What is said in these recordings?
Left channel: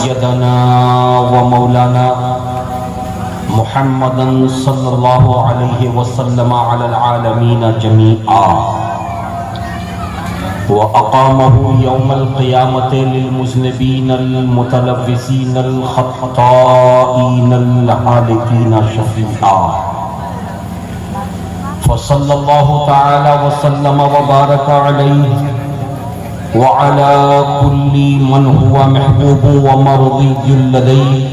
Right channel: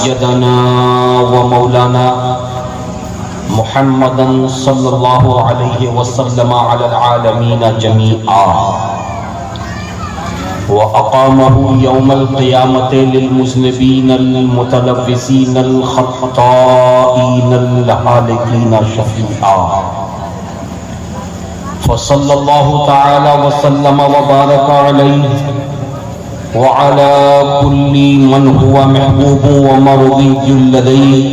سيدنا ومولانا محمدا صلى الله عليه وسلم على العالمين جميعا وأقامه يوم القيامة للمذنبين المتلبسين الخطائين الهالكين شفيعا فصلى الله تعالى وسلم وبارك عليه وعلى كل من هو محبوب ومرضي لديه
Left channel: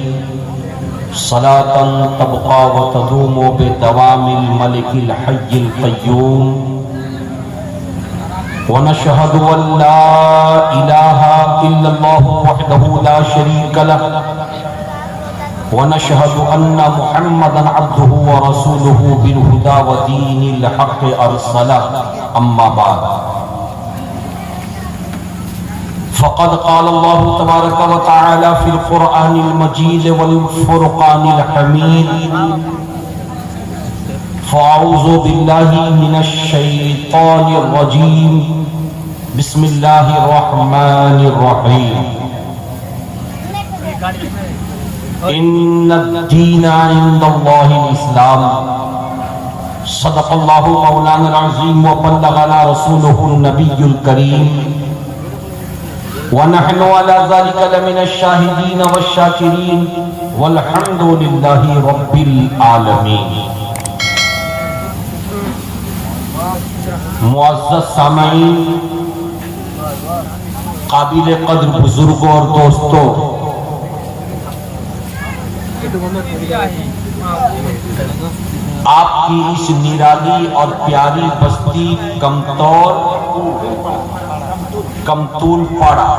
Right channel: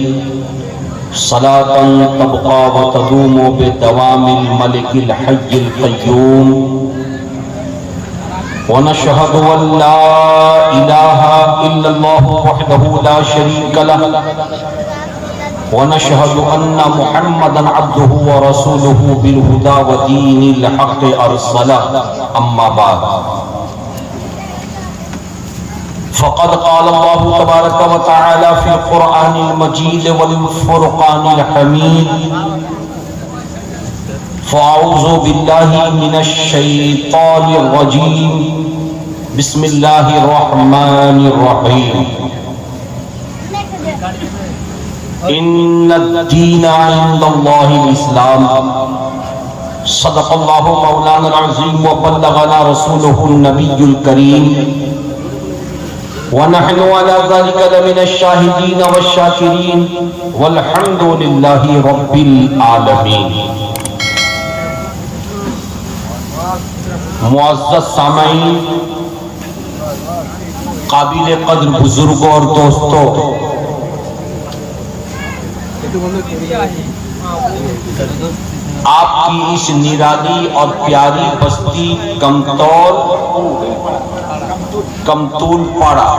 صلاة تبقى وتدوم بدوام الملك الحي القيوم ونشهد أن لا إله إلا الله وحده لا شريك له ونشهد أن محمدا عبده ورسوله بالهدى ودين الحق أرسله أما بعد فقد قال الله تبارك وتعالى في القرآن المجيد والفرقان الحميد فأعوذ بالله من الشيطان الرجيم بسم الله الرحمن الرحيم إن الدين عند الله الإسلام صدق الله مولانا العظيم وبلغنا رسوله النبي الكريم ونحن على ذلك لمن الشاهدين والشاكرين والحمد لله رب العالمين. معزز سامعین، قابل قدر بزرگوں اور دوستوں، آپ کی اس نرالی اور پیاری بستی کمتول پاڑا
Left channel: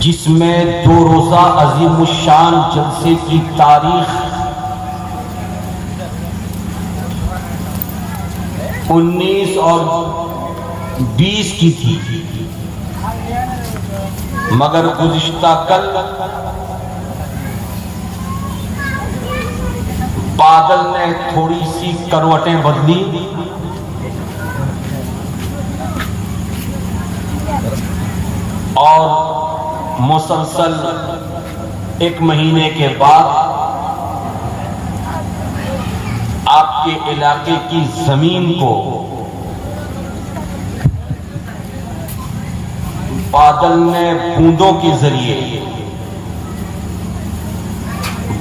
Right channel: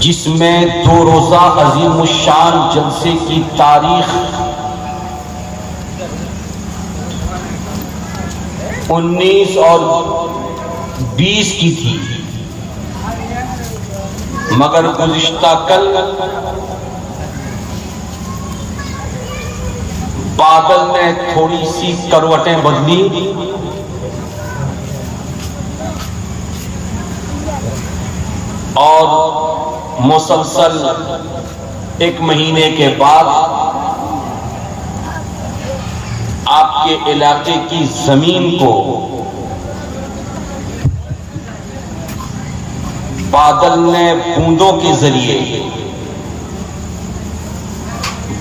جس میں 2 روزہ عظیم الشان جلسے کی تاریخ 19 اور 20 کی تھی، مگر گزشتہ کل بادل میں تھوڑی سی کروٹیں بدلی اور مسلسل 1 مہینے کے بعد آپ کے علاقے کی زمین کو بادل نے بوندوں کے ذریعے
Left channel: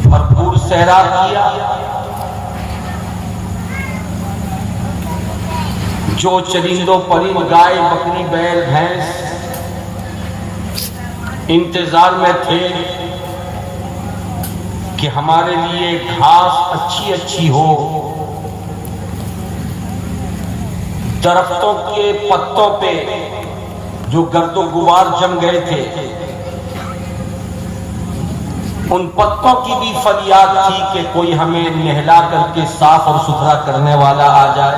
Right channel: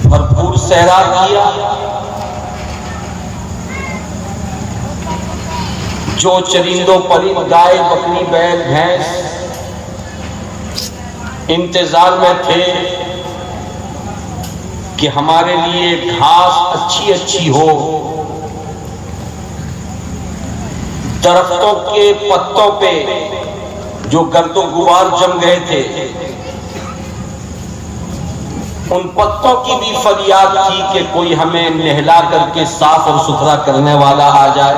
بھرپور صحرا کیا، جو چرندوں پرند گائے بکری بیل بھینس انتظار میں تھے کہ ہمارے لیے گھاس اچھی ہو، درختوں کے پتوں پہ جو گرد و غبار جم گئے تھے ان پتوں کی بھی فریاد تھی کہ کوئی ہمیں نہلا کر کے صاف اور ستھرا کرنے والا آ جائے۔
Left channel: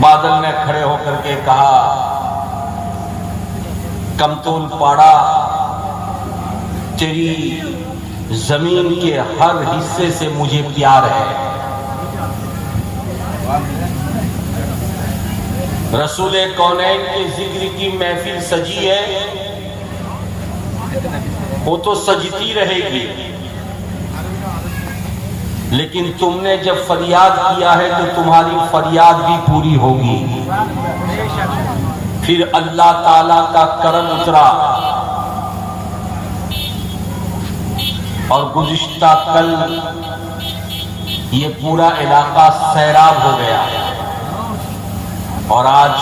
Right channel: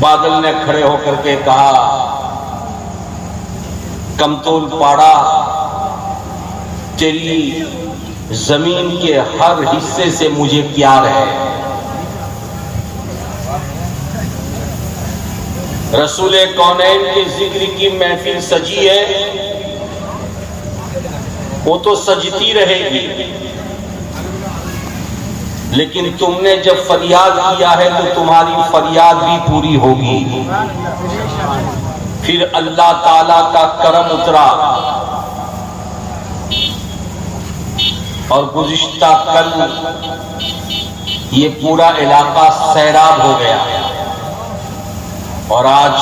بادل نے کھڑے ہو کر کے کہا، کمتول پاڑا، تیری زمین کے ہر حصے سے مجھے پیار ہے۔ رسول کونین کے ذکر کی محفل سجی ہے، وہ تو سجتی رہے گی، لیکن تم نے جب فریاد کیا ہے تو تمہاری فریاد بھی پوری ہوگی۔ پھر اللہ تعالیٰ کا کرم اترا اور گزشتہ کل یہ پورا علاقہ سیراب ہو گیا، اور آج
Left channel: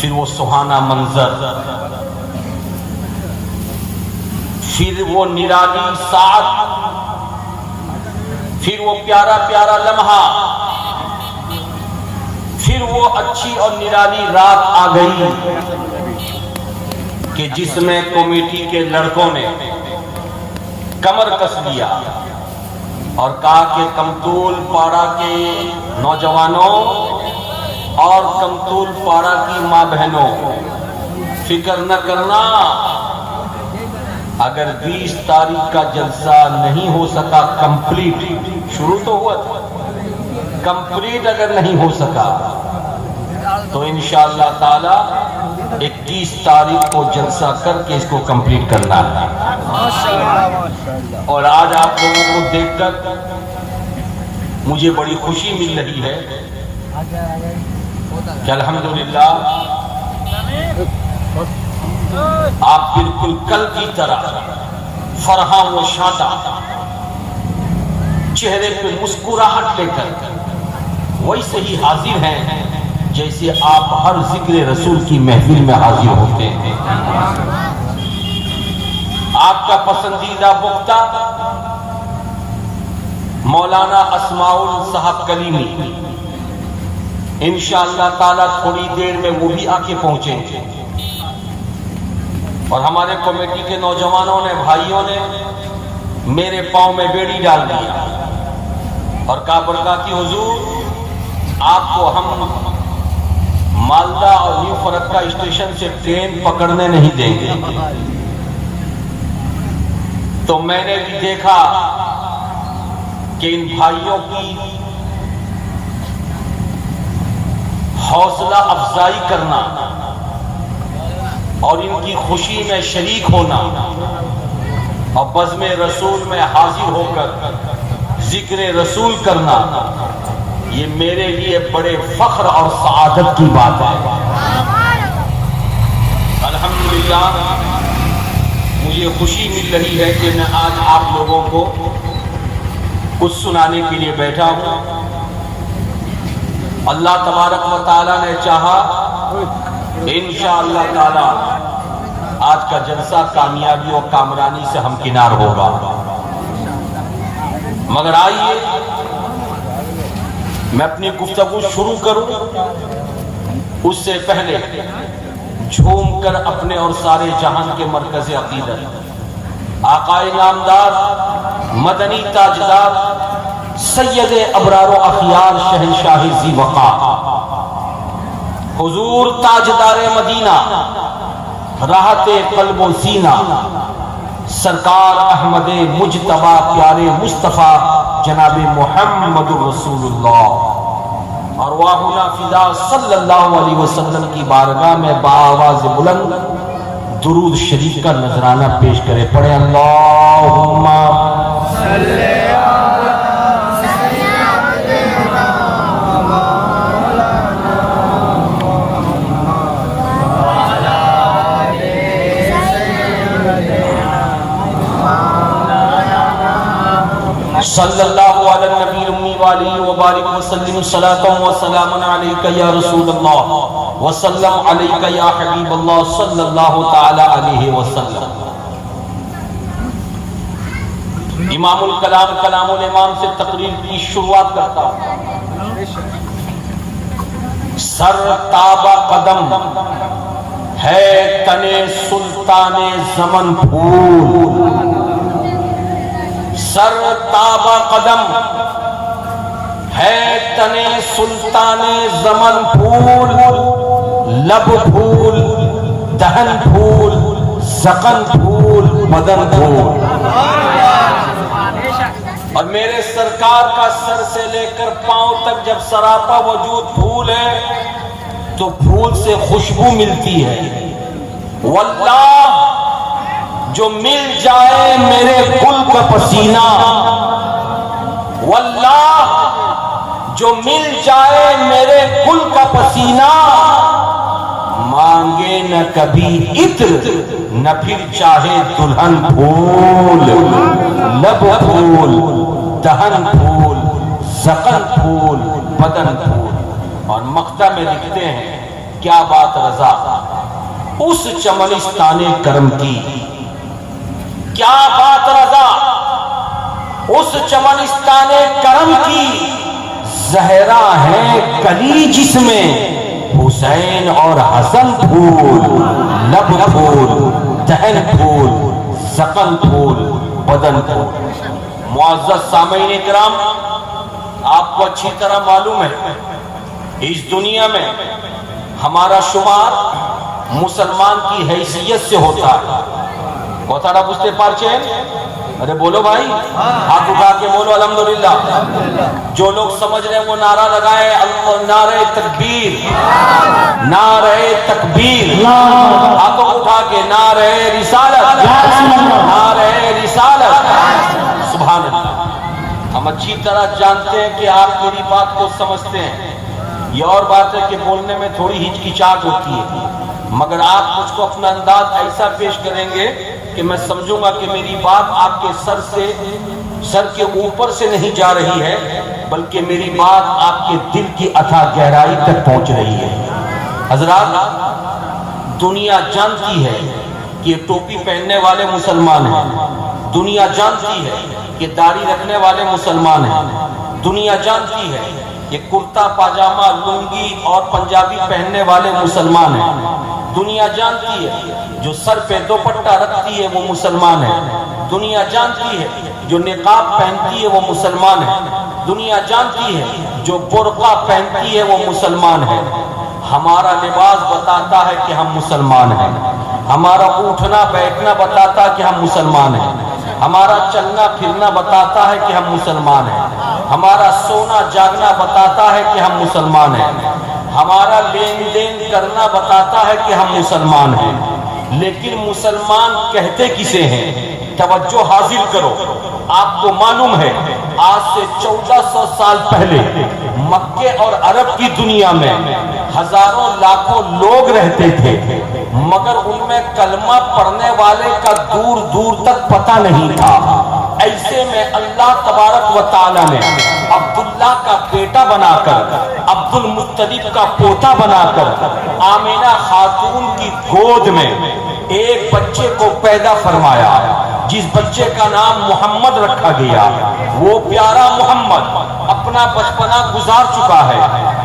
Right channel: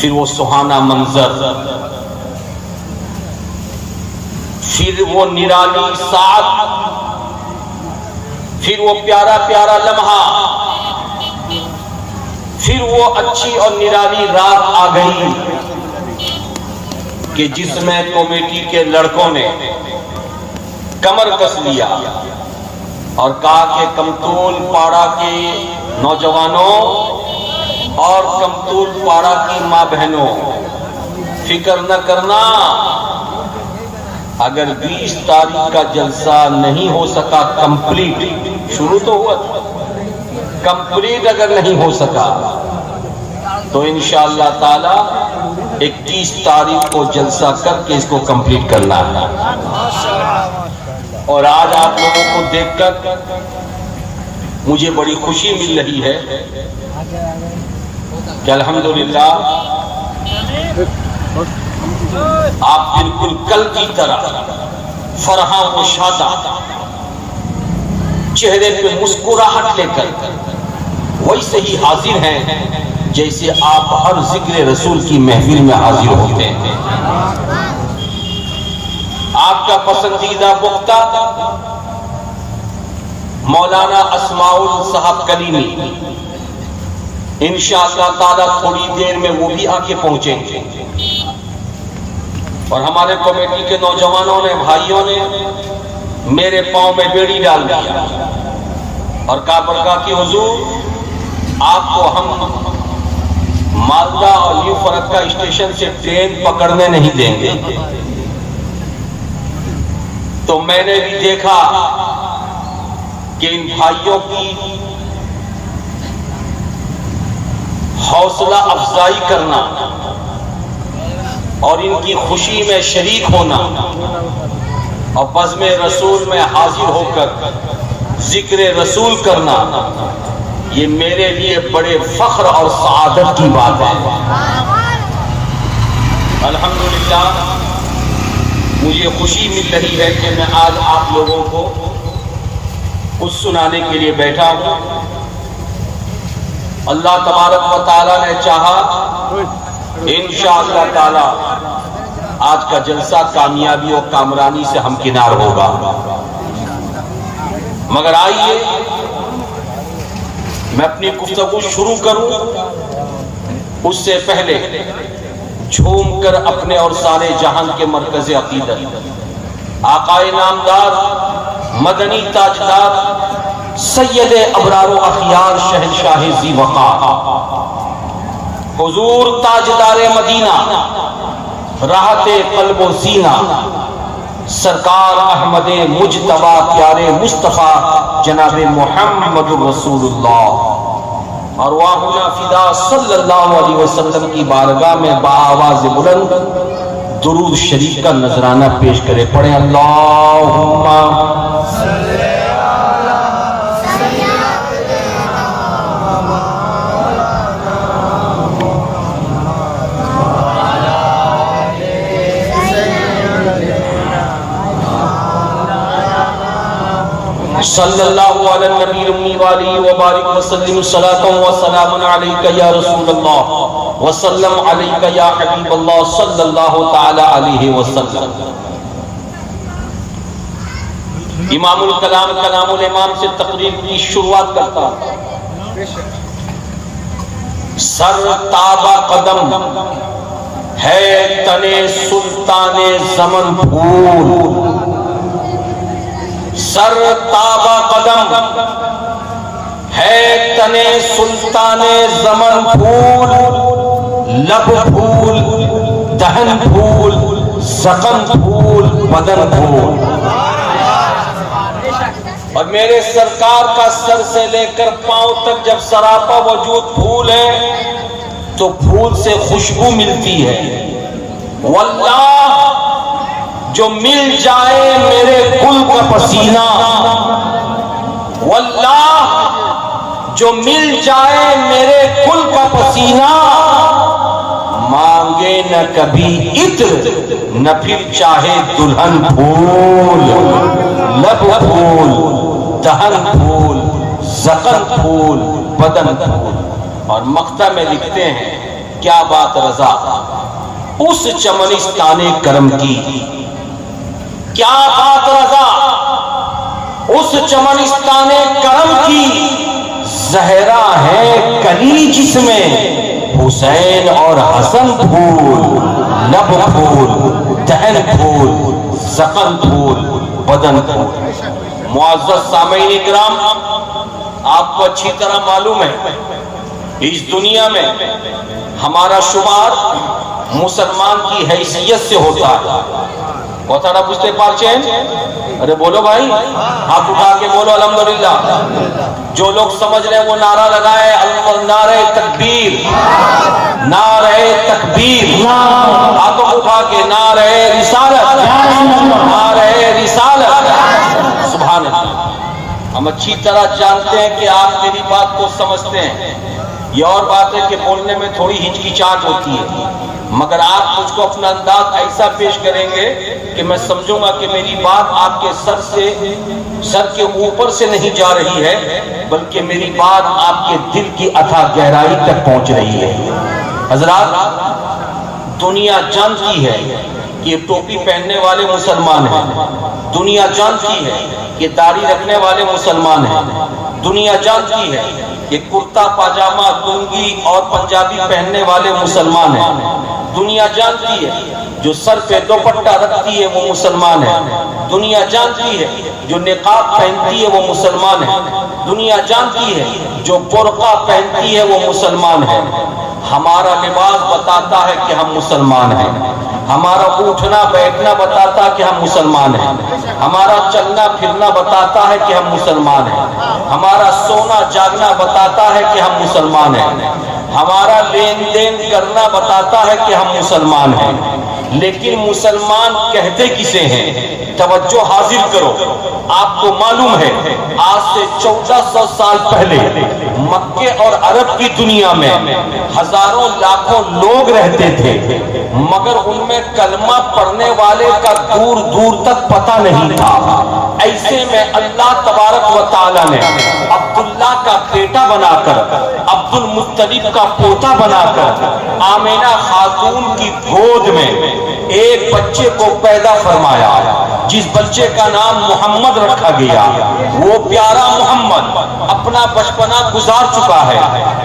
پھر وہ سہانا منظر، پھر وہ نرالی ساعت، پھر وہ پیارا پیارا لمحہ، پھر وہ اچھی اور نرالی رات آ گئی کہ جس میں کمیٹی کے لڑکوں نے کمر کس لیا اور کہا کہ کمتول پاڑا کے نوجوانوں اور کمتول پاڑا کی ماں بہنوں، فکر نہ کرنا، اگر 20 تاریخ کا جلسہ نہیں ہو سکا کمپلیٹ، شروع تو ہوا تھا، کمپلیٹ اگر نہیں ہو سکا تو انشاءاللہ تعالی 21 تاریخ کو جلسہ کر کے اس کو کمپلیٹ کرنا ہے. اور آج آپ لوگوں کو دیکھ کر مجھے بڑی خوشی مل رہی ہے کہ الحمدللہ آپ بالکل کل کی طرح فرحاں و شادہ چہرے پہ مسکراہٹ لے کر ویسے ہی حاضر ہیں جیسے آپ ہر ذکر رسول کی محفل میں حاضر ہوتے ہیں. آپ کا پسندیدہ وقتہ مولانا اسماء صاحب کلیمی انشاءاللہ تعالیٰ تھوڑی دیر میں وہ بھی آ کے پہنچیں گے. اور ہمارے کمیٹی کے نوجوانوں نے بھائیوں نے میرے پاؤں میں بیڑی ڈال دیا اور کہا برکا کی حضور آپ کو ہم مالدہ اور نیو فرقہ اسٹیشن سے ٹرین پکڑنے نہیں دیں گے. تو میں نے بھی دیکھا کہ ان بھائیوں کی حوصلہ افزائی کرنا اور ان کی خوشی میں شریک ہونا اور بزم رسول میں حاضر ہو کر ذکر رسول کرنا یہ میرے لیے بڑے فخر اور سعادت کی بات ہے. الحمدللہ مجھے خوشی مل رہی ہے کہ میں آج آپ لوگوں کو کچھ سنانے کے لیے بیٹھا ہوں. اللہ تبارک و تعالیٰ نے چاہا انشاءاللہ تعالیٰ آج کا جلسہ کامیابی اور کامرانی سے ہمکنار ہوگا. مگر آئیے میں اپنی گفتگو شروع کروں اس سے پہلے جھوم کر اپنے اور سارے جہان کے مرکز عقیدت آقائے نامدار مدنی تاجدار سید ابرار و اخیار شہنشاہ ذی وقار حضور تاجدار مدینہ راحت قلب و سینہ سرکار احمد مجتبی پیارے مصطفیٰ جناب محمد رسول اللہ ارواحنا فدا صلی اللہ علیہ وسلم کی بارگاہ میں بآواز بلند درود شریف کا نذرانہ پیش کرے. پڑھے اللہم صلی صلی اللہ علیہ نبی الامی وآلہ وبارک وسلم صلاۃ و سلام علیک یا رسول اللہ وسلم علیک یا حبیب اللہ صلی اللہ تعالی علیہ وسلم. امام الکلام کلام الامام سے تقریر کی شروعات کرتا ہوں. سر تابہ قدم ہے تنے سلطان زمن پھول. سر تابہ قدم ہے تنے سلطان زمن پھول. لب پھول دہن پھول زقن پھول بدن پھول. اور میرے سرکار کا سر سے لے کر پاؤں تک جب سراپا وجود پھول ہے تو پھول سے خوشبو ملتی ہے. واللہ جو مل جائے میرے گل کا پسینہ, واللہ جو مل جائے میرے گل کا پسینہ, مانگے نہ کبھی عطر نہ پھر چاہے دلہن پھول. لب پھول دہن پھول زقن پھول بدن پھول. اور مقطع میں لکھتے ہیں کیا بات رضا اس چمنستان کرم کی, کیا بات رضا اس چمنستان کرم کی. زہرا ہے کلی جس میں حسین اور حسن پھول. لب پھول دہن پھول زقن پھول بدن پھول. معزز سامعین اکرام, آپ کو اچھی طرح معلوم ہے اس دنیا میں ہمارا شمار مسلمان کی حیثیت سے ہوتا ہے. কথাটা বুঝতে পারছেন? ارے بولو بھائی، ہاتھ اٹھا کے بولو الحمدللہ۔ جو لوگ سمجھ رہے ہیں وہ نعرہ لگائیں، نعرہ تکبیر، نعرہ تکبیر، ہاتھوں اٹھا کے نعرہ رسالت، نعرہ رسالت، سبحان اللہ۔ ہم اچھی طرح جانتے ہیں کہ آپ میری بات کو سمجھتے ہیں۔ یہ اور بات ہے کہ بولنے میں تھوڑی ہچکچاہٹ ہوتی ہے، مگر آپ مجھ کو اپنا انداز ایسا پیش کریں گے کہ میں سمجھوں گا کہ میری بات آپ کے سر کے اوپر سے نہیں جا رہی ہے، بلکہ میری بات آپ کے دل کی اتھاہ گہرائی تک پہنچ رہی ہے۔ حضرات، دنیا جانتی ہے کہ یہ ٹوپی پہننے والے مسلمان ہیں، دنیا جانتی ہے کہ داڑھی رکھنے والے مسلمان ہیں، دنیا جانتی ہے یہ کرتا پاجامہ، لنگی اور پنجابی پہننے والے مسلمان ہیں، دنیا جانتی ہے جو سر پہ دوپٹہ رکھتی ہے وہ مسلمان ہے، دنیا جانتی ہے جو نقاب پہنتی ہے وہ مسلمان ہے، دنیا جانتی ہے جو برقع پہنتی ہے وہ مسلمان ہے۔ ہمارا لباس بتاتا ہے کہ ہم مسلمان ہیں، ہمارا اٹھنا بیٹھنا بتاتا کہ ہم مسلمان ہیں، ہمارا چلنا پھرنا بتاتا ہے کہ ہم مسلمان ہیں، ہمارا سونا جاگنا بتاتا ہے کہ ہم مسلمان ہیں، ہمارا لین دین کرنا بتاتا ہے کہ ہم مسلمان ہیں۔ لیکن مسلمان کہتے کسے ہیں؟ توجہ حاصل کرو، آپ کو معلوم ہے آج سے 1400 سال پہلے مکے اور عرب کی دنیا میں ہزاروں لاکھوں لوگ رہتے تھے، مگر ان میں کلمہ پڑھنے والے کا دور دور تک پتہ نہیں تھا۔ ایسے میں اللہ تبارک و تعالی نے عبداللہ کا بیٹا بنا کر، عبد المطلب کا پوتا بنا کر آمینہ خاتون کی گود میں ایک بچے کو پیدا فرمایا، جس بچے کا نام محمد رکھا گیا۔ وہ پیارا محمد اپنا بچپنا گزار چکا ہے،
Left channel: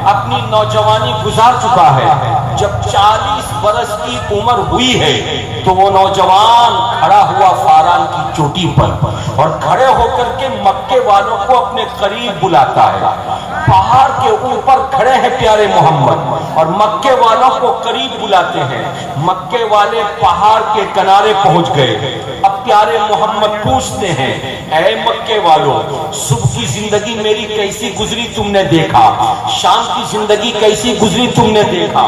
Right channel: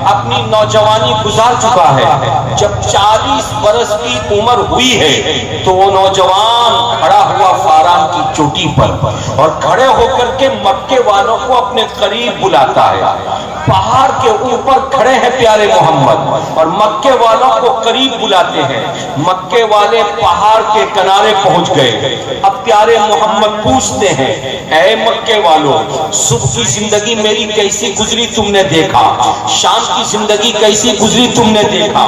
اپنی نوجوانی گزار چکا ہے۔ جب 40 برس کی عمر ہوئی ہے تو وہ نوجوان کھڑا ہوا فاران کی چوٹی پر اور کھڑے ہو کر کے مکے والوں کو اپنے قریب بلاتا ہے۔ پہاڑ کے اوپر کھڑے ہیں پیارے محمد اور مکے والوں کو قریب بلاتے ہیں۔ مکے والے پہاڑ کے کنارے پہنچ گئے۔ اب پیارے محمد پوچھتے ہیں، اے مکے والوں، صبح کی زندگی میری کیسی گزری تم نے دیکھا، شام کی زندگی کیسی گزری تم نے دیکھا،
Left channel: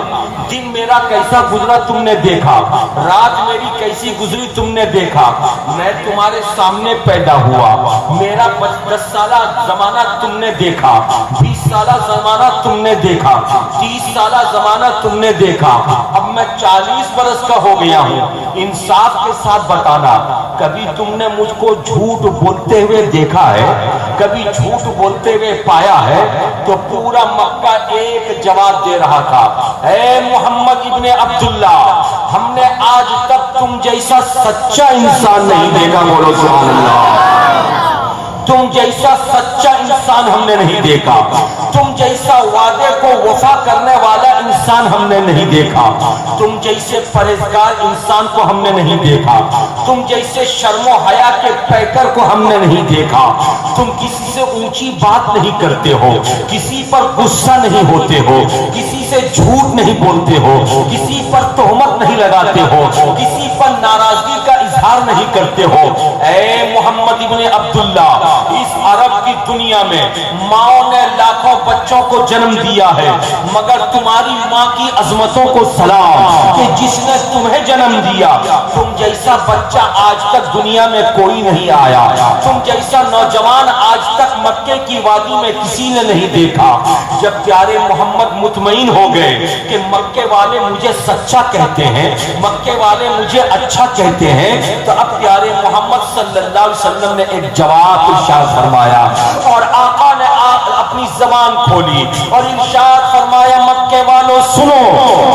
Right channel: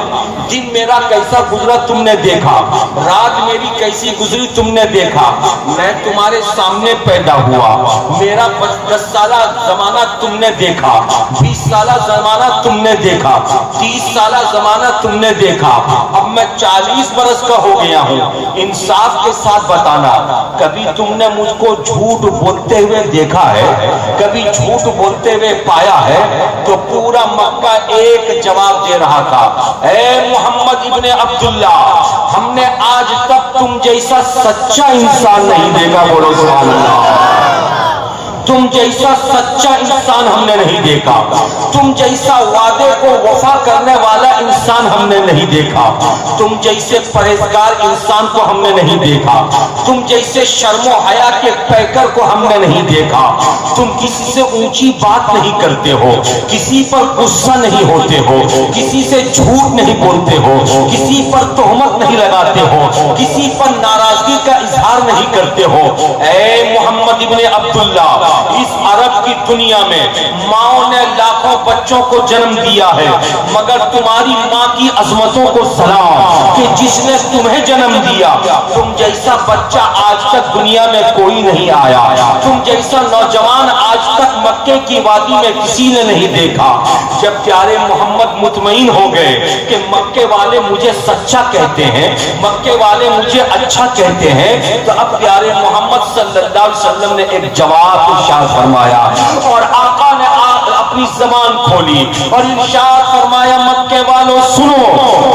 دن میرا کیسا گزرا تم نے دیکھا، رات میری کیسی گزری تم نے دیکھا۔ میں تمہارے سامنے پیدا ہوا، میرا 10 سالہ زمانہ تم نے دیکھا، 20 سالہ زمانہ تم نے دیکھا، 30 سالہ زمانہ تم نے دیکھا، اب میں 40 برس کا ہو گیا ہوں۔ انصاف کے ساتھ بتانا، کبھی تم نے مجھ کو جھوٹ بولتے ہوئے دیکھا ہے، کبھی جھوٹ بولتے ہوئے پایا ہے؟ تو پورا مکہ ایک جواب دے رہا تھا، اے محمد ابن عبداللہ، ہم نے آج تک تم جیسا سچا انسان نہیں دیکھا۔ بولو سبحان اللہ۔ تم جیسا سچا انسان ہم نے نہیں دیکھا، تم جیسا وعدے کو وفا کرنے والا انسان ہم نے نہیں دیکھا، تم جیسے پرہیزگار انسان کو ہم نے نہیں دیکھا، تم جیسے شرم و حیا کے پیکر کو ہم نے نہیں دیکھا۔ تم کسی سے اونچی بات نہیں کرتے ہو، کسی پر غصہ نہیں ہوتے ہو، کسی سے جھوٹ نہیں بولتے ہو، کسی پر تہمت نہیں لگاتے ہو، کسی پر ناراضگی کا اظہار نہیں کرتے ہو۔ اے محمد ابن عبداللہ، اس عرب کی دنیا میں ماں نے لاکھوں بچوں کو جنم دیا ہے، مگر تمہاری ماں کی عظمتوں کو سلام کہ جس نے تمہیں جنم دیا۔ تم جیسا بچہ آج تک دنیا میں کوئی نہیں آیا، تم جیسا نوجوان آج تک مکے کی وادی میں کسی نے نہیں دیکھا۔ جب پیارے محمد مطمئن ہو گئے کہ مکے والے مجھے سچا کہتے ہیں، مکے والے مجھے اچھا کہتے ہیں، تو اب پیارے محمد صلی اللہ علیہ وسلم نے ایک جواب ارشاد فرمایا، اور آقا نے اپنی زبان کھولی اور ارشاد فرمایا، مکے والوں سنو،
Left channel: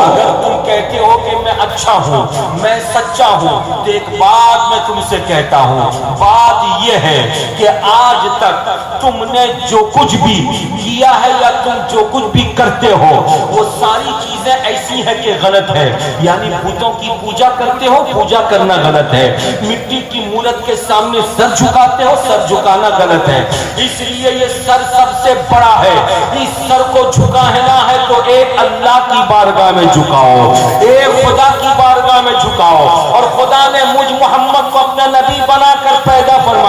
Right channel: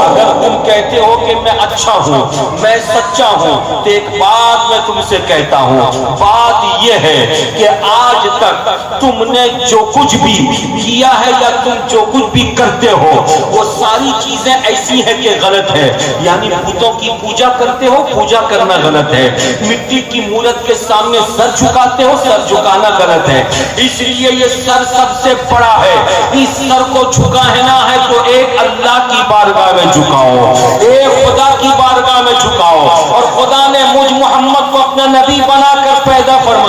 اگر تم کہتے ہو کہ میں اچھا ہوں، میں سچا ہوں، تو ایک بات میں تم سے کہتا ہوں، بات یہ ہے کہ آج تک تم نے جو کچھ بھی کیا ہے یا تم جو کچھ بھی کرتے ہو وہ ساری چیزیں ایسی ہیں کہ غلط ہے۔ یعنی بتوں کی پوجا کرتے ہو، پوجا کرنا غلط ہے، مٹی کی مورت کے سامنے سر جھکاتے ہو، سر جھکانا غلط ہے۔ اس لیے یہ سر سب سے بڑا ہے، اس سر کو جھکانا ہے تو ایک اللہ کی بارگاہ میں جھکاؤ، ایک خدا کی بارگاہ میں جھکاؤ، اور خدا نے مجھ محمد کو اپنا نبی بنا کر پیدا فرمایا۔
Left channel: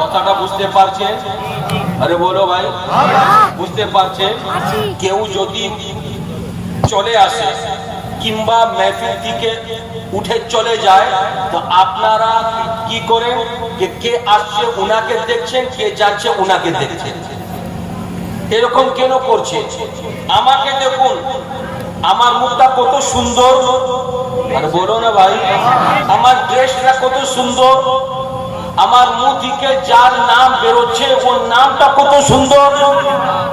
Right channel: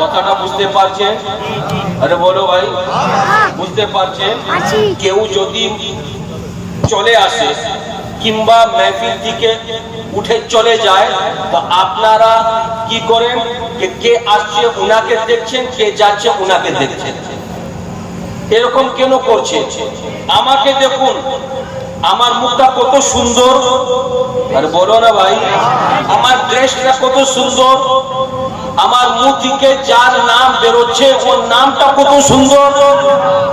কথাটা বুঝতে পারছেন? আরে বলো ভাই, বুঝতে পারছেন? কেউ যদি চলে আসে কিংবা মেহফিল থেকে উঠে চলে যায় তো আপনারা কি করেন? কে আসছে উনাকে দেখছেন, কে যাচ্ছে উনাকে দেখছেন, এরকম কেন করছে? আমাকে দেখুন, আমার মুখটা কত সুন্দর, আরে বলো না ভাই, আমার ড্রেসটা কত সুন্দর, আমার মুখ থেকে যার নাম বেরোচ্ছে ওর নামটা কত সুন্দর,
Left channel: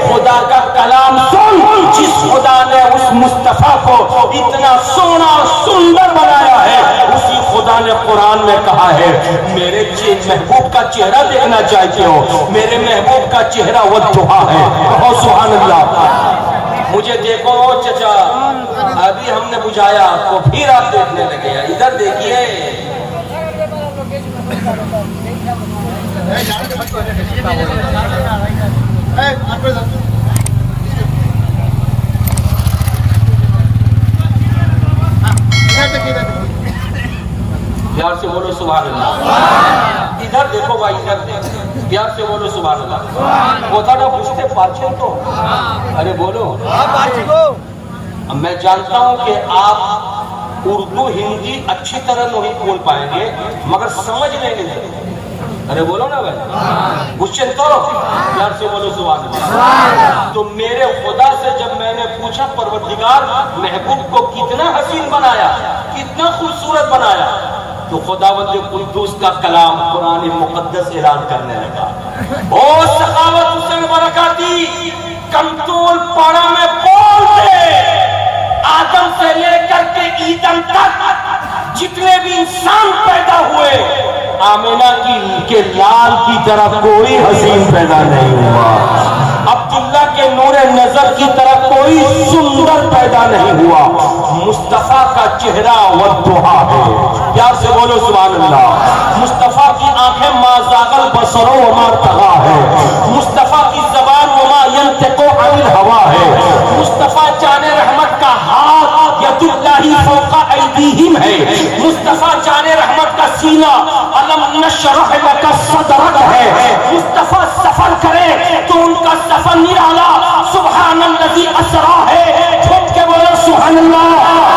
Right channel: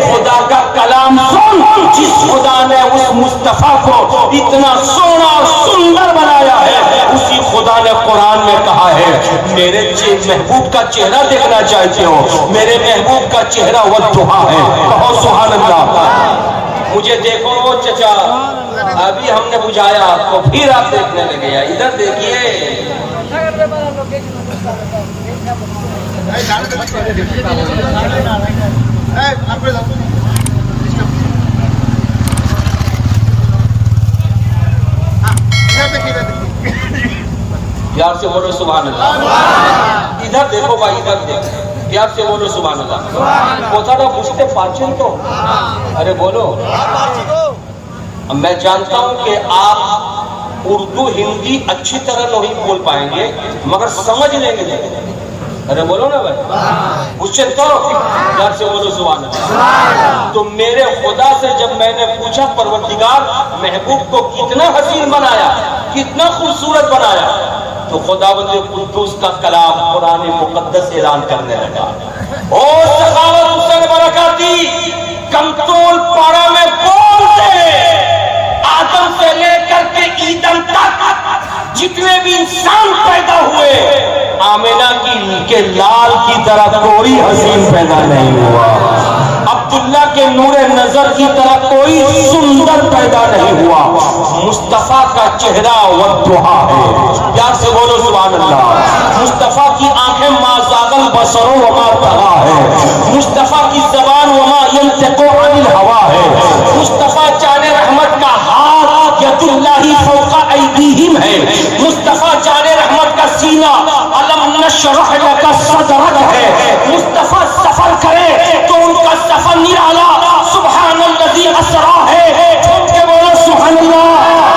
خدا کا کلام سن، جس خدا نے اس مصطفیٰ کو اتنا سونا سندر بنایا ہے، اسی خدا نے قرآن میں کہا ہے میرے محبوب کا چہرہ دیکھنا چاہتے ہو، میرے محبوب کا چہرہ والضحیٰ ہے، کہو سبحان اللہ۔ مجھے دیکھو چچا، ابھی ہم نے بجھایا تو پھر آپ دیکھنے لگے، ادھر دیکھیے۔ پیار سے بولو سبحان اللہ۔ ادھر دیکھو بھائی، ادھر دیکھو، پیار سے بولو سبحان اللہ۔ کوتھاڑا پوچھتے فارچن تو ارے بولو۔ میں جانتا ہوں کہ آپ اردو ہندی اچھی طرح نہیں بول پائیں گے مگر سمجھ لیں گے، ارے بولو نا بھائی، کوشچن تو پیار سے بولو سبحان اللہ۔ تو میرے خدا سے جب میں نے پوچھا پروردگار محبوب کو کتنا حسین بنایا، کتنا خوبصورت بنایا، تو خداوند قدوس کا کلام قرآن مقدس اعلان کرنے لگا، او سخاوت حسین برکاتی کمتول پاڑا میں بولتے، آدم سے لے کر کے ایدم تک جتنے بھی انسان پیدا ہوئے، آمینہ کے لال کی طرح کوئی حسین پیدا نہیں ہوا، عبداللہ کے نور نظر کی طرح کوئی سندر پیدا نہیں ہوا، مصطفیٰ کا چہرہ والضحیٰ ہے، پیار سے بولو سبحان اللہ۔ مصطفیٰ کی آنکھیں ما زاغ البصر وما طغی ہے، مصطفیٰ کی زبان وما ینطق عن الہوی ہے، مصطفیٰ جان رحمت کا ہاتھ ید اللہ فوق ایدیہم ہے، مصطفیٰ جان رحمت کا سینہ علم نشرح لک صدرک ہے، مصطفیٰ سفر کرے تو ان کا سفر نرالا سبحان الذی اسریٰ ہے، جھوم کے بولو سبحان اللہ،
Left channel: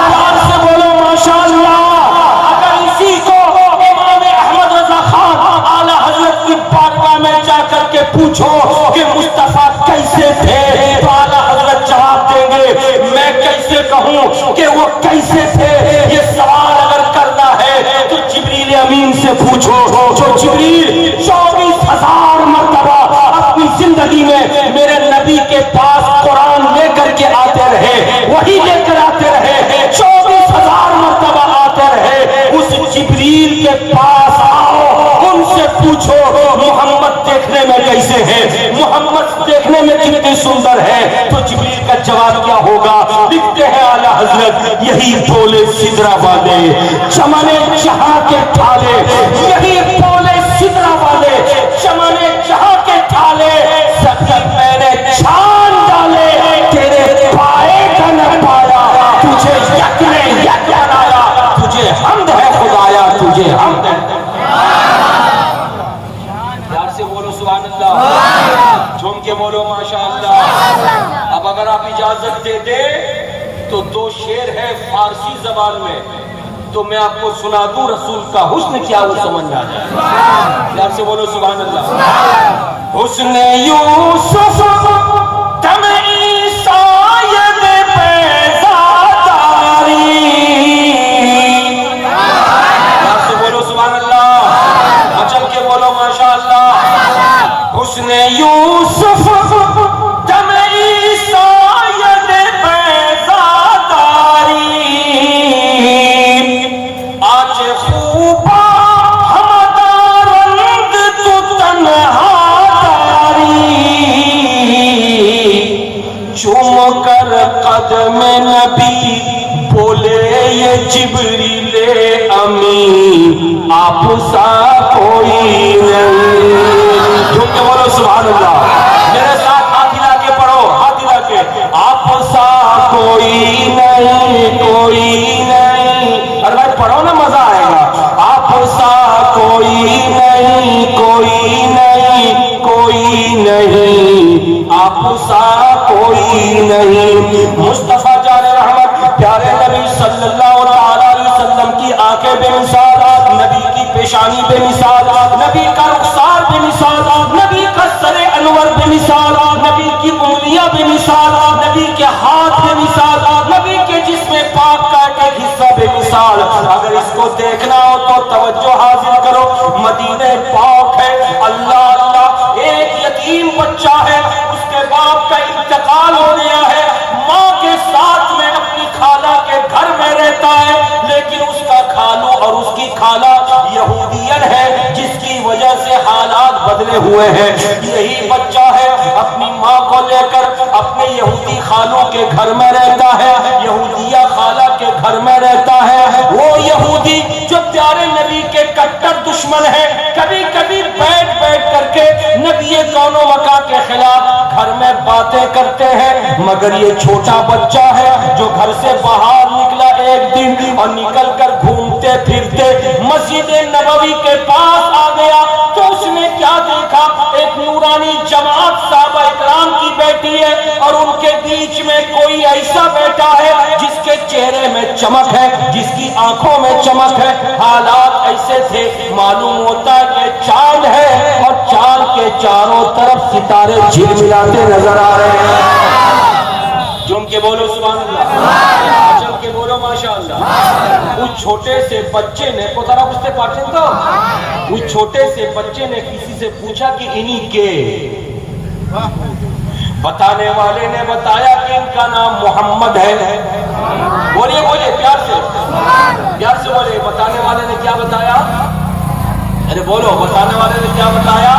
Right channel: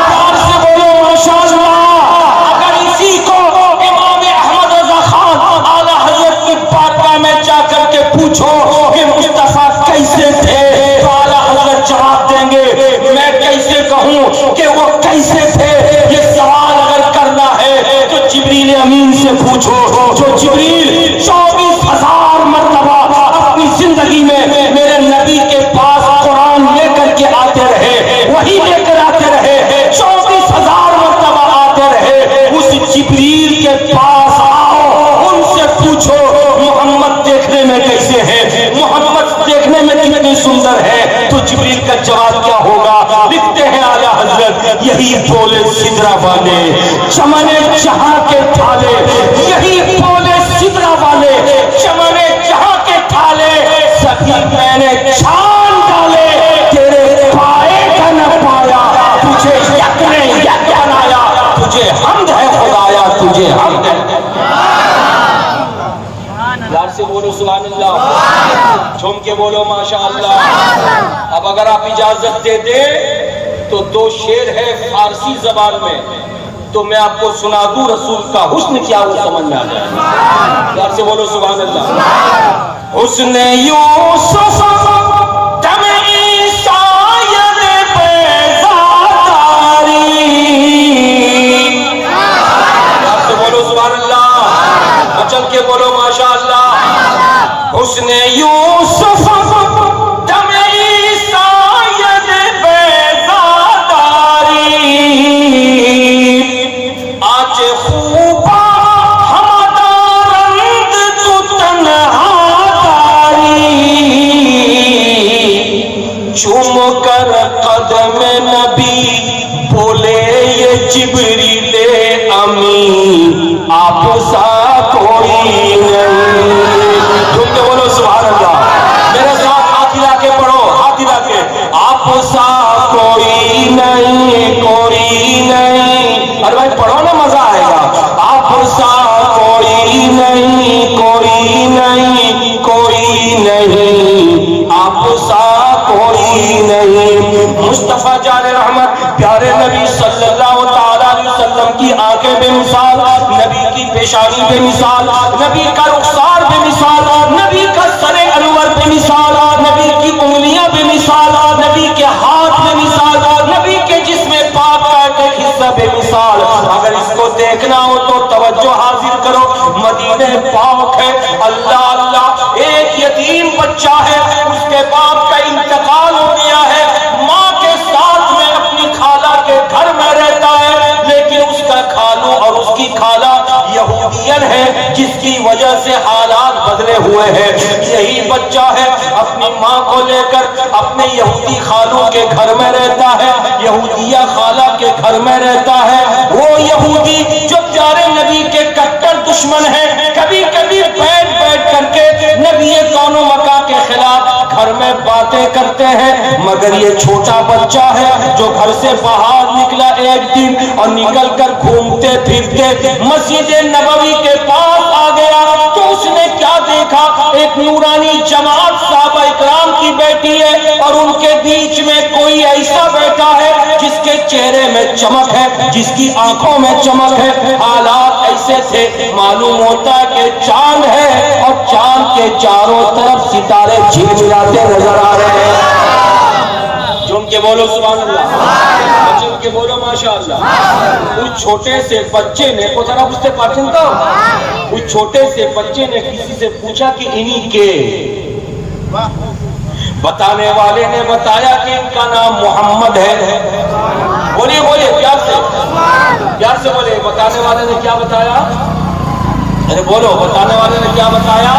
پیار سے بولو ماشاءاللہ۔ اگر اسی کو امام احمد رضا خان اعلیٰ حضرت کی بارگاہ میں جا کر کے پوچھو کہ مصطفیٰ کیسے تھے، تو اعلیٰ حضرت جواب دیں گے میں کیسے کہوں کہ وہ کیسے تھے، یہ سوال اگر کرنا ہے تو جبریل امین سے پوچھو، جو جبریل 24,000 مرتبہ اپنی زندگی میں میرے نبی کے پاس قرآن لے کر کے آتے رہے، وہی لے کر آتے رہے، 24,000 مرتبہ آتے رہے، اس جبریل کے پاس آؤ، ان سے پوچھو محمد دیکھنے میں کیسے ہے، محمد دیکھنے میں کتنی سندر ہے، تو جبریل کا جواب کیا ہوگا؟ لکھتے ہیں اعلیٰ حضرت یہی بولے سدرہ والے چمن جہاں کے ڈھالے، یہی بولے سدرہ والے چمن جہاں کے ڈھالے، سبھی میں نے چھان ڈالے، تیرے پائے کا نہ پایا، تجھے یک نے یک بنایا، تجھے حمد ہے خدایا، تجھے حمد ہے۔ پیار سے بولو سبحان اللہ، جھوم کے بولو ماشاءاللہ۔ اب اگر آپ اجازت دے دیں تو 2 شعر ہے فارسی زبان میں، تو میں آپ کو سنا دوں، رسول کا حسن کیا وہ سمجھ میں آ جائے، پیار سے بولو سبحان اللہ۔ حسن یوسف دم عیسیٰ بیضاتاری، پیار سے بولو سبحان اللہ، چل کے بولو ماشاءاللہ۔ حسن یوسف دم عیسیٰ قدم نبی بولے یہ جبریل امین آپ سا کوئی نہیں، جھوم کے بولو سبحان اللہ، میرے ساتھ ہاتھ ہلا کے پڑھو، ہاتھ ہلا کے، آپ سا کوئی نہیں، کوئی نہیں، ارے بھائی پڑھو نا مزہ آئے گا، آپ سا کوئی نہیں، کوئی نہیں، کوئی نہیں، آپ سا کوئی نہیں۔ مصطفیٰ جان رحمت پیارے نبی صلی اللہ علیہ وسلم کی آنکھیں بے مثال، نبی کی پیشانی بے مثال، نبی کا رخسار بے مثال، نبی کا سر انور بے مثال، نبی کی انگلیاں بے مثال، نبی کے ہاتھ بے مثال، نبی کے جسم پاک کا ایک حصہ بے مثال۔ اگر اس کو دیکھنا ہو تو توجہ حاضر کرو، مدینہ پاک ہے، اللہ اللہ، ایک یتیم بچہ ہے، اس کے باپ کا انتقال ہو گیا ہے، ماں کے ساتھ میں اپنی خالہ کے گھر میں رہتا ہے، لیکن اس کا خالو اور اس کی خالہ یہودین ہے، جس کی وجہ سے حالات بدلے ہوئے ہیں۔ یہی بچہ ہے اپنی ماں کو لے کر اپنے یہودی خالوں کے گھر میں رہتا ہے، یہودیہ خالہ کے گھر میں رہتا ہے۔ وہ یہودی جو پیارے نبی کے کٹر دشمن ہیں، کبھی کبھی بیٹھ کر کے نبی دونوں مکہ کے خلاف گھر میں باتیں کرتے ہیں، مگر یہ چھوٹا بچہ ہے جو گھر سے باہر نکلا ایک دن اور نکل کر گھومتے پھرتے مسجد نبوی کے پاس آ گیا تو اس نے کیا دیکھا؟ ایک نورانی جماعت صحابہ اکرام کی بیٹی ہے اور ان کے بیچ میں کوئی ایسا بیٹا ہے جس کے چہرے میں چمک ہے، جس کی آنکھوں میں چمک ہے۔ حالات ایسے تھے، معلوم ہوتا کہ چاند ہے اور چاند کے چاروں طرف ستارے جھمجھلاتے نظر آ رہے ہیں۔ جم کے بولو سبحان اللہ، چل کے بولو ماشاءاللہ۔ اس چھوٹے سے بچے نے کو ذرا بجھتے پاٹن تو اس چھوٹے سے بچے نے کسی سے پوچھا کہ انہی کے بتانے والے نے بتایا کہ ان کا نام محمد ہے۔ بولیے بولیے پیار سے بولے، بتانے والے نے کیا بتایا؟ ارے بولو، بتانے والے نے کیا بتایا؟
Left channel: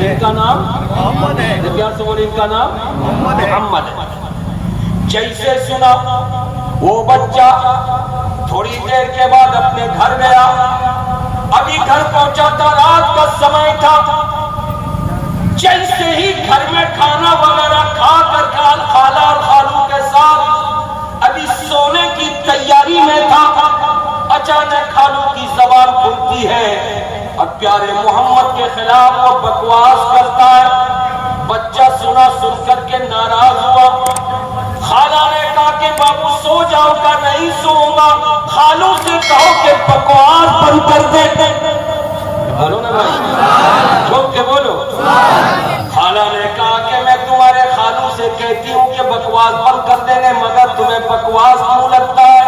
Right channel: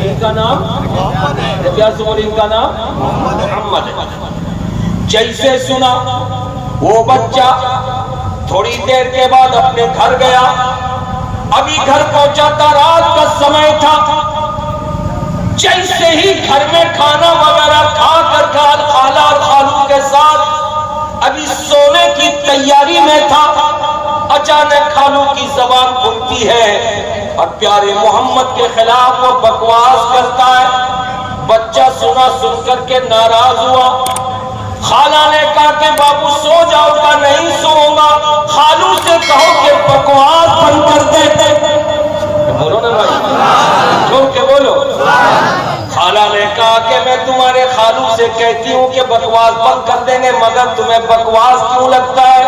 ان کا نام پیار سے بولے، ان کا نام محمد ہے۔ جیسے سنا وہ بچہ تھوڑی دیر کے بعد اپنے گھر گیا، ابھی گھر پہنچا تھا، رات کا سمے تھا۔ جیسے ہی گھر میں کھانا وغیرہ کھا کر خالہ اور خالو کے ساتھ ابھی سونے کی تیاری میں تھا، اچانک خالو کی زبان کھلتی ہے اور پیارے محمد کے خلاف وہ بکواس کرتا ہے۔ بچہ سنا، سن کر کے ناراض ہوا۔ خالہ نے کہا کہ بابو سو جاؤ گا؟ نہیں سوؤں گا۔ خالو سے کہو کہ بکواس بند کر دے۔ بولو نا بھائی، چھوڑ کے بولو۔ خالہ نے کہا کہ میں تمہارے خالو سے کہتی ہوں کہ بکواس بند کر دینے، مگر تمہیں بکواس کیوں لگتا ہے؟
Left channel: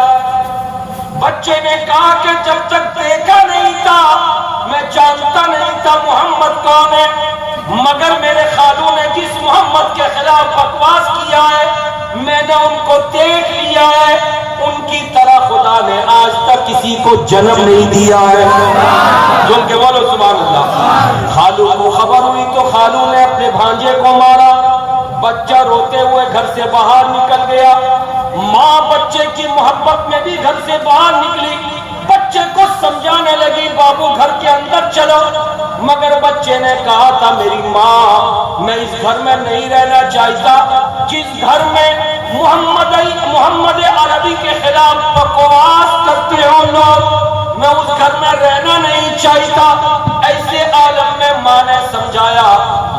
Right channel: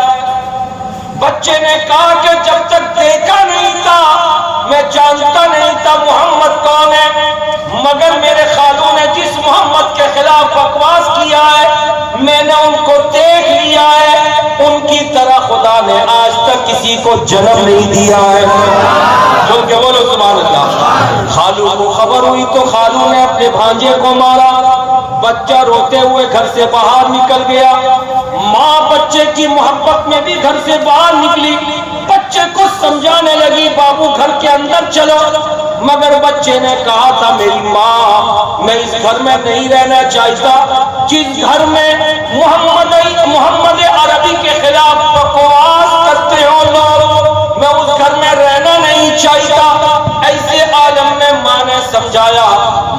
بچے نے کہا کہ جب تک دیکھا نہیں تھا میں جانتا نہیں تھا محمد کون ہے، مگر میرے خالو نے جس محمد کے خلاف بکواس کیا ہے میں نے ان کو دیکھ لیا ہے، ان کی طرح خدا نے آج تک کسی کو جنم نہیں دیا ہے۔ جو کہ بولو سبحان اللہ۔ خالو کو خبر ہوئی تو خالو نے اپنے بھانجے کو مارا، بچہ روتے ہوئے گھر سے باہر نکل گیا۔ ماں بچے کی محبت میں بھی گھر سے باہر نکلی، بچے کو سمجھانے لگی بابو گھر کے اندر چلو، مگر بچے نے کہا تھا میری ماں میں اس گھر میں نہیں رہنا چاہتا، جس گھر میں محمد عربی کے خلاف بکواس کرتے ہو لوگ، میں اس گھر میں رہنا نہیں چاہتا۔ ایسے عالم میں ماں نے سمجھایا،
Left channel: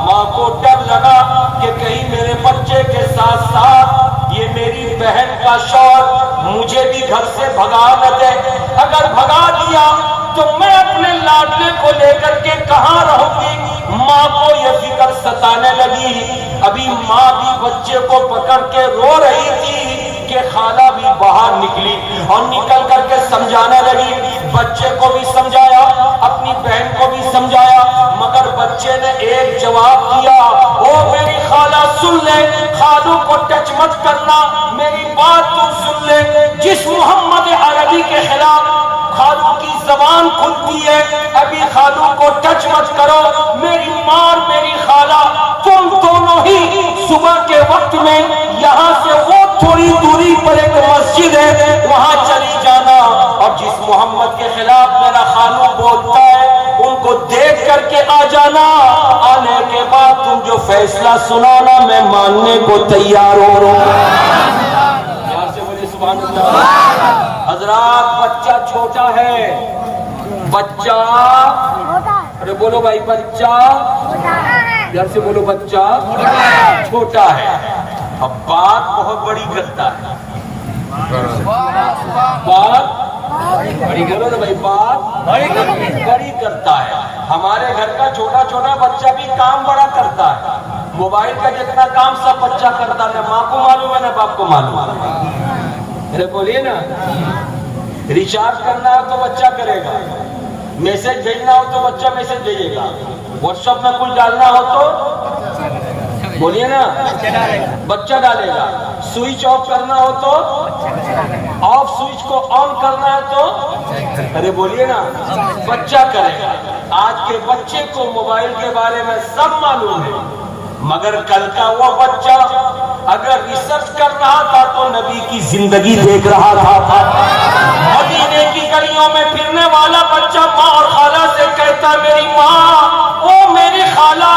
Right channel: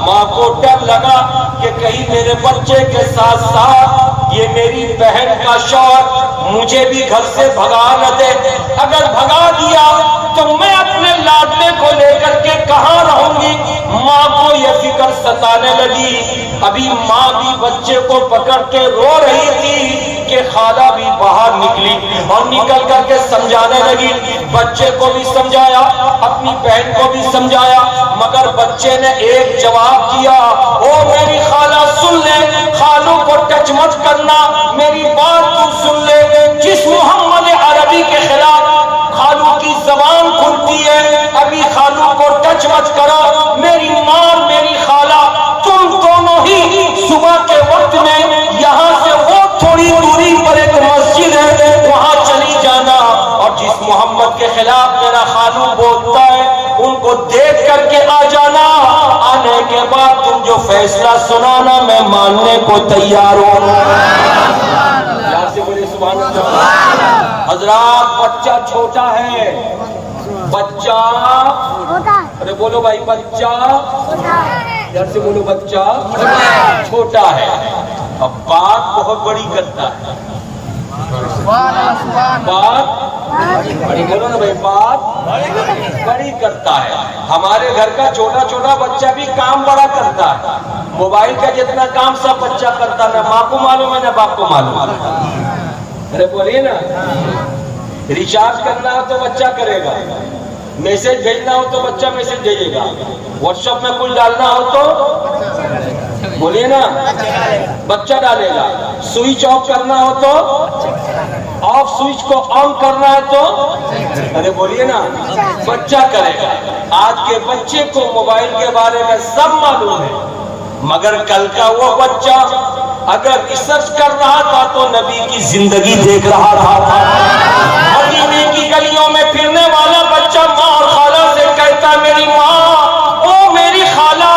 ماں کو ڈر لگا کہ کہیں میرے بچے کے ساتھ ساتھ یہ میری بہن کا شوہر مجھے بھی گھر سے بھگا نہ دے، اگر بھگا دیا تو میں اپنے لاڈلے کو لے کر کے کہاں رہوں گی؟ ماں کو یہ فکر ستانے لگی۔ ابھی ماں بھی بچے کو پکڑ کے رو رہی تھی کہ خالہ بھی باہر نکلی اور نکل کر کے سمجھانے لگی۔ بچے کو بھی سمجھایا، اپنی بہن کو بھی سمجھایا، مگر بچے نے ایک جواب دیا، او میری خالہ سن لے، خالو کو ٹچ مت کرنا، میری بات تو سن لے، جس محمد عربی کے خلاف خالو کی زبان کھلتی ہے، ابھی خالو کو ٹچ مت کرو، میری ماں اور میری خالہ تم دونوں ہی صبح کے وقت میں یہاں سے وہ تھوڑی دوری پر ایک مسجد ہے وہاں چلی جانا، اور جس محمد کے خلاف میرا خالو بولتا ہے ان کو دیکھ کر کے آ جانا، آنے کے بعد تم جو فیصلہ سنانا میں ماننے کو تیار ہوں۔ پیار سے بولے سبحان اللہ۔ حضرات بچہ چھوٹا ہے، بچہ، ارے بولو بھائی، بچہ پیار سے بولو، بچہ چھوٹا ہے، اب بات بہت بڑی کرتا ہے، بات بڑی کرو نا بھائی، بات بڑی کرتا ہے۔ ہمارے گھر کا چھوٹا چھوٹا بچہ بھی کام بڑا کرتا ہے، موبائل کا جتنا کام سب بچہ کرتا ہے، نہ ماں کو معلوم ہے نہ باپ کو معلوم ہے۔ ارے بولیے نا، ریچارج کرنا ہو تو بچہ کرے گا، میسج بھیجنا ہو تو بچہ میسج بھیجے گا، واٹس ایپ میں کچھ ڈالنا ہو تو بولیے نا، بچہ ڈالے گا. سوئچ آف کرنا ہو تو آف، سوئچ کو آن کرنا ہے تو ارے بولیے نا بچہ کرے گا. آج کے بچے کو موبائل کے بارے میں سب معلوم ہے، مگر کل کا وہ بچہ اگر ریسرچ کر رہا تھا تو نبی کی زندگی دیکھ رہا تھا. مدینے کی گلیوں میں پھرنے والا بچہ ماں اور خالہ سے کہتا میری ماں، او میری خالہ،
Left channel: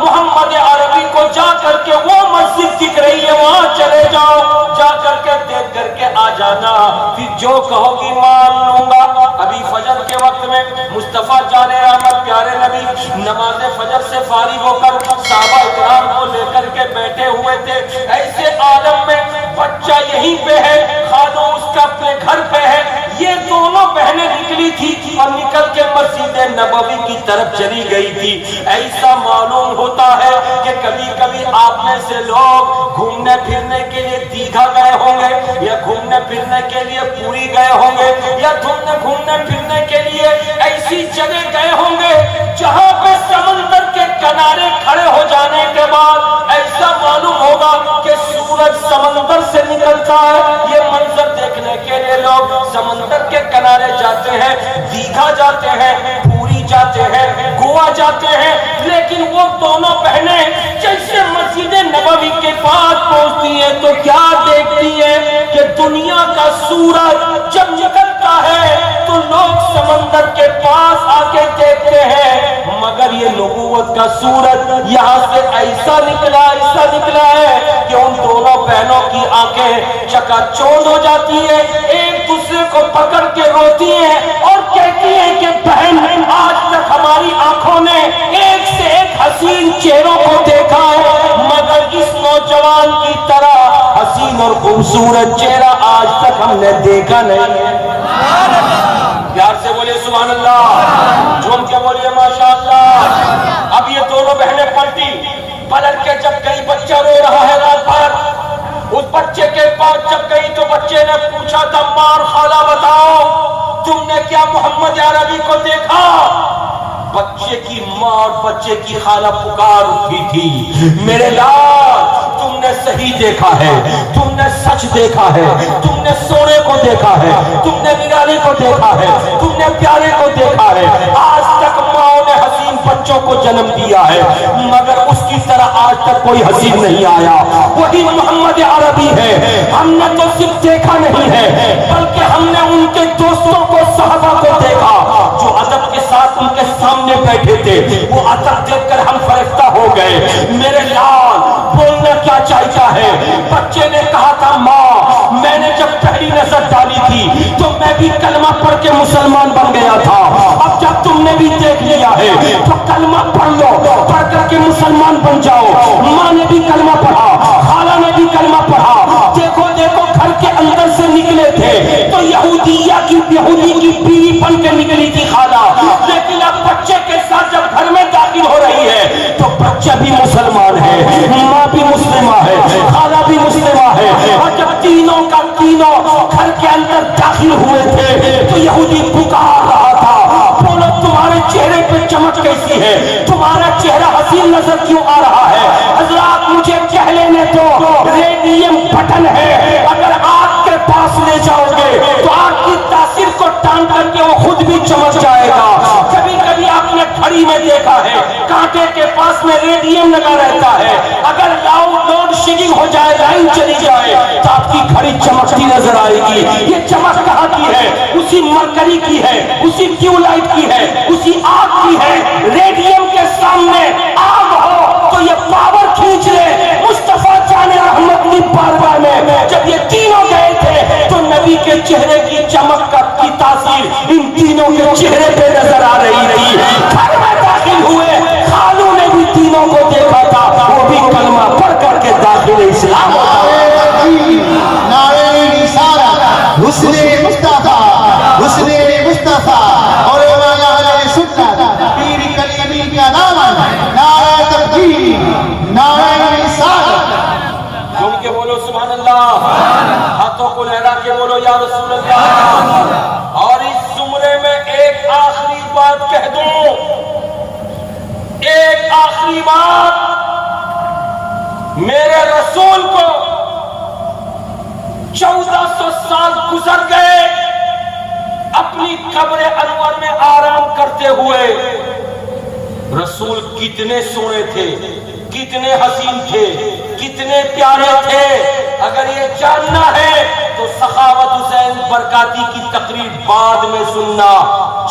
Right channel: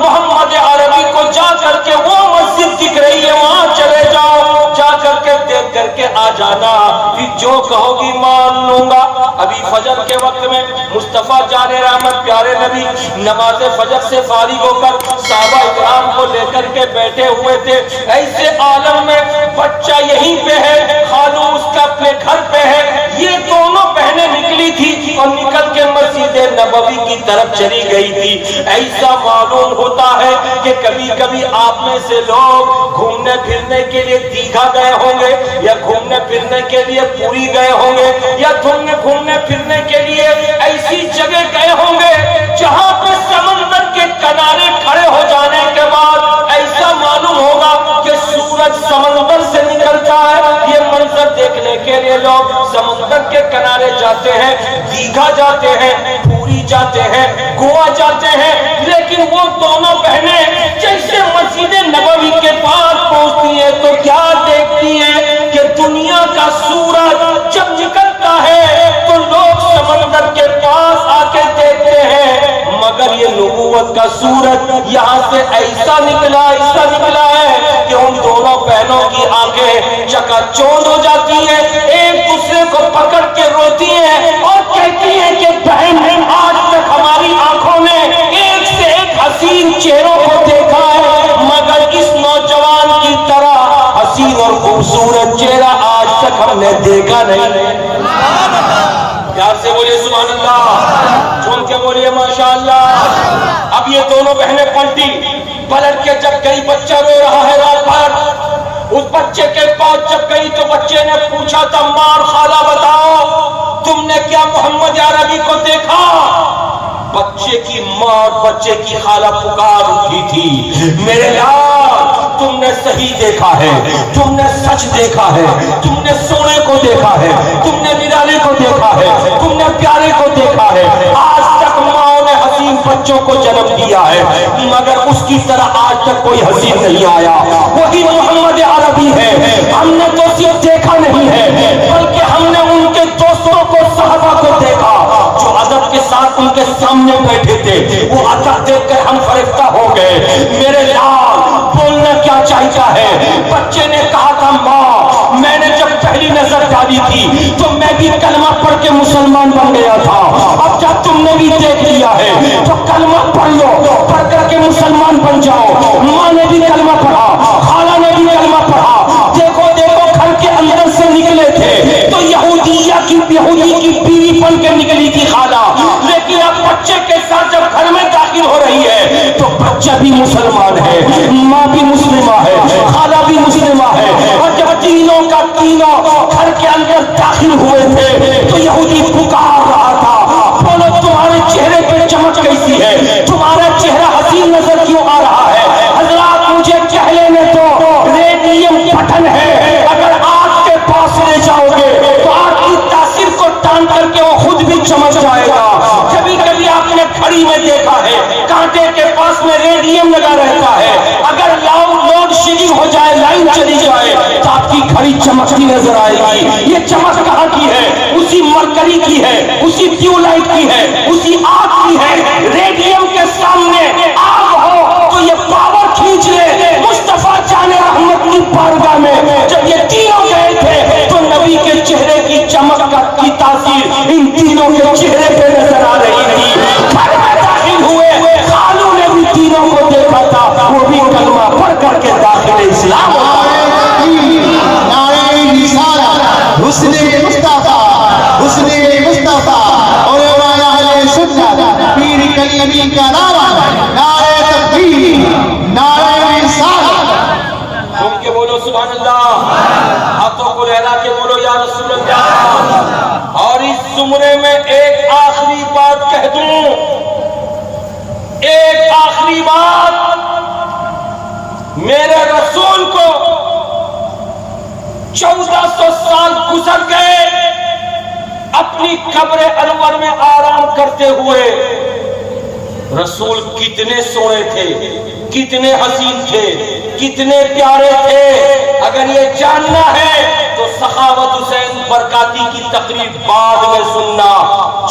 محمد عربی کو جا کر کے وہ مسجد دکھ رہی ہے وہاں چلے جاؤ، جا کر کے دیکھ کر کے آ جانا، پھر جو کہو گی مان لوں گا. ابھی فجر کے وقت میں مصطفیٰ جان رحمت پیارے نبی نماز فجر سے فارغ ہو کر صحابہ اکرام کو لے کر کے بیٹھے ہوئے تھے. ایسے عالم میں بچہ یہیں پہ ہے، خالو اس کا اپنے گھر پہ ہے. یہ دونوں بہنیں نکلی تھی اور نکل کے مسجد نبوی کی طرف چلی گئی تھی. ایسا معلوم ہوتا ہے کہ کبھی کبھی آپ میں سے لوگ گھومنے پھرنے کے لیے دیگھا گئے ہوں گے، یا گھومنے پھرنے کے لیے پوری گئے ہوں گے، یا گھومنے پھرنے کے لیے ایسی جگہ گئے ہوں گے جہاں پہ سمندر کے کنارے کھڑے ہو جانے کے بعد ایسا معلوم ہوگا کہ سورج سمندر سے نکلتا ہے. یہ منظر دیکھنے کے لیے لوگ سمندر کے کنارے جاتے ہیں، دیگھا جاتے ہیں، پوری جاتے ہیں، گوا جاتے ہیں. لیکن وہ دونوں بہنیں جیسے مسجد نبوی کے پاس پہنچتی ہے تو کیا دیکھتی ہے کہ دنیا کا سورج جب نکلتا ہے تو لوگ سمندر کے پاس آ کے دیکھتے ہیں، مگر یہ نبوت کا سورج یہاں سے ایسا نکلا ہے کہ ان دونوں بہنوں کی آنکھیں چکا چوند ہو جاتی ہے، ایک دوسرے کو پکڑ کے روتی ہیں اور کہتی ہیں کہ بہن آج تک ہماری آنکھوں نے ایک سے ایک حسین چہروں کو دیکھا ہے، مگر اس نوجوان کی طرح حسین اور خوبصورت چہرہ آج تک ہم نے دیکھا نہیں. پیار سے بولیے سبحان اللہ، جھوم کے بولیے ماشاءاللہ. اب یہ دونوں بہنیں پلٹ کے جب گئی، بچہ رو رہا ہے رات بھر. اس بچے کے پاس جب گئی تو بچے نے پوچھا تھا ماں اور خالہ بتاؤ تم نے کیا محمد عربی کو دیکھا؟ بچے کی ماں اور بچے کی خالہ پکار اٹھی تھی میرے یار تم نے صحیح دیکھا ہے، تم نے سچ دیکھا ہے، تم نے سونے کو دیکھا ہے، تم نے نرالے کو دیکھا ہے، تم نے پیارے کو دیکھا ہے. آج تک ماں نے حسین بچوں کو جنم دیا ہے مگر اس کی طرح آج تک کوئی حسین نہیں آیا. وہی محمد عربی ہے. ہم نے تو صرف دیکھا نہیں ہے بلکہ ہم نے ان کے دوستوں کو، صحابہ کو دیکھا جو ادب کے ساتھ ان کے سامنے بیٹھے تھے. وہ ادب دیکھ کر ہم فرشتہ ہو گئے. میرے یار بولنا کیا چاہتا ہے؟ بچے نے کہا تھا ماں میں نے جب پہلی نظر ڈالی تھی تو میں بھی کلمہ پڑھ کے مسلمان بن گیا تھا. اب جب تم نے بھی دیکھ لیا ہے تو کلمہ پڑھ لو، پڑھ کر کے مسلمان بن جاؤ. ماں نے بھی کلمہ پڑھا، خالہ نے بھی کلمہ پڑھا. دیکھو گھر کے اندر سے نکلے تھے تو یہودی کی بیوی بن کے نکلی تھی خالہ، لیکن اب بچے کے ساتھ جب گھر میں داخل ہو رہی ہے تو بچہ بھی مسلمان ہے، ماں بھی مسلمہ ہے، خالہ بھی مسلمہ ہے. اور جب تینوں کا تینوں گھر کے اندر داخل ہوئے تھے تو یہودی پکار رہا تھا بولو تمہارے چہرے پہ چمک کیسی ہے، تمہارا چہرہ حسین نظر کیوں آ رہا ہے؟ حضرات مجھے کہہ لینے تو ریڈیم بٹن ہے، اگر آگ کے پاس لے جاؤ گے تو آگ کی تاثیر کو ٹان کر کے وہ خود بھی چمک جائے گا. کبھی کبھی آپ نے گھڑی میں دیکھا ہے کانٹے کے پاس میں ریڈیم لگا رہتا ہے، اگر لوڈ شیڈنگ ہو جائے، لائن چلی جائے تو آپ کی گھڑی چمکتی نظر آئے گی. یہ چمک کہاں کی ہے؟ اسی مرکری کی ہے، اسی ٹیوب لائٹ کی ہے، اسی آگ کی ہے. ریڈیم کے سامنے آگ ہو تو یہ پاور کھینچ لے. مصطفیٰ جان رحمت کی بارگاہ میں جب یہ تینوں گئے تھے تو نبی کے چہرے کی چمک کی تاثیر ان تینوں کے چہرے پہ نظر آ رہی رہی. گھر میں داخل ہوئے، خالوں نے بھی تینوں کو دیکھا تھا، وہ بھی کلمہ پڑھ کر کے داخل اسلام. نعرہ رسالت، حسن مصطفیٰ، حسن مصطفیٰ اور اہل سنت، پیر کلیمی کا نعرہ، نعرہ تکبیر، نعرہ رسالت. گھوم کے بولو سبحان اللہ، ہاتھوں کو لہرا کے بولو یا رسول اللہ. اور اس زمرے میں ایک آخری بات کہہ دوں، ایک آخری بات. میرے رسول کو 1400 سال گزر گئے اپنی قبر انور میں آرام کرتے ہوئے. رسول کتنے سونے تھے، کتنے حسین تھے، کتنے پیارے تھے. اگر یہ جاننا ہے تو سخاوت حسین برکاتی کی تقریر بعد میں سننا.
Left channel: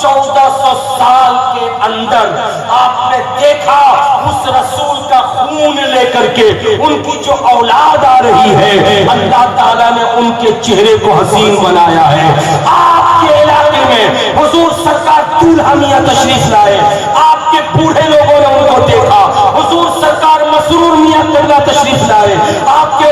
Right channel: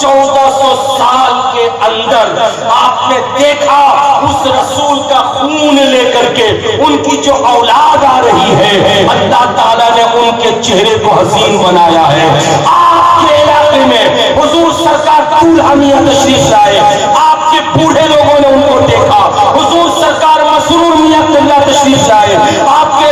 1400 سال کے اندر آپ نے دیکھا اس رسول کا خون لے کر کے ان کی جو اولاد آ رہی ہے، اللہ تعالیٰ نے ان کے چہرے کو حسین بنایا ہے. آپ کے علاقے میں حضور سرکار دلہنیا تشریف لائے، آپ کے بوڑھے لوگوں نے ان کو دیکھا. حضور سرکار مسرور میاں قبلہ تشریف لائے، آپ کے